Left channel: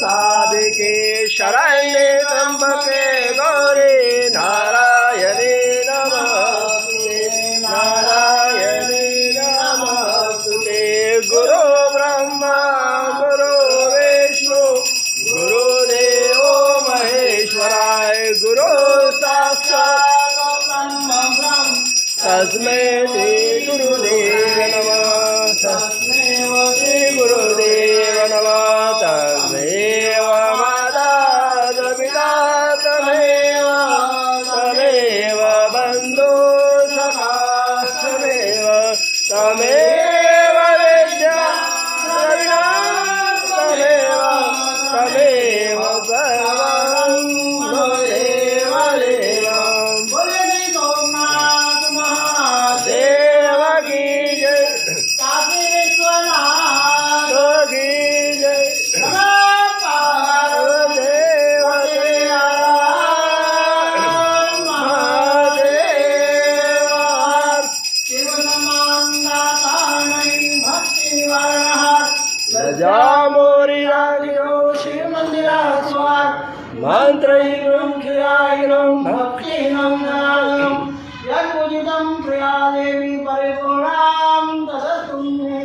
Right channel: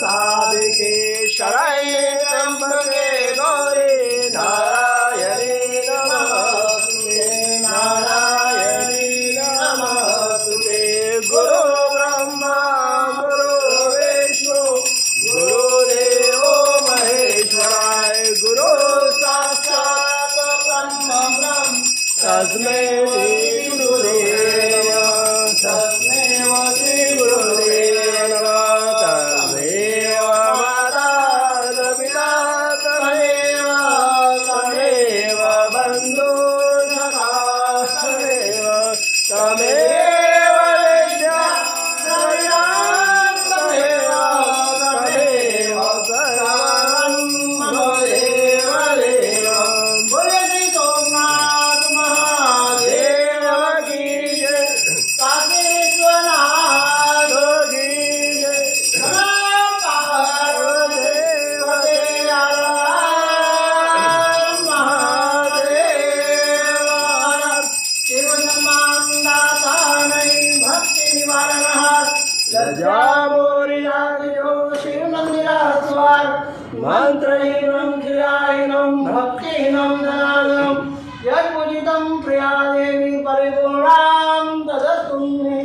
साधिके शरण्ये त्र्यंबके गौरी नारायणी नमोस्तुते नारायणी नमोस्तुते। गुरु ब्रह्मा गुरु विष्णु गुरुदेवो महेश्वराय गुरु साक्षात् ब्रह्म तस्मै श्री गुरुदेव नमः तस्मै श्री गुरुदेव नमः। तमेव माता पिता तमेव तमेव बन्धु सखा तमेव तमेव विद्या द्रविणा तमेव तमेव सर्वं देव देवं। बोले श्री सोमनाथ महादेव की जय काकेश्वरनाथ की जय पार्वदेव महादेव। शिवनमान्दातानै भक्ति निवारणः लजा मोरिरागिरो शिव मंदिरास्वार मंत्रैवं खिलायिनं भक्तिनं नाम यत्पूजितं प्रिया देवी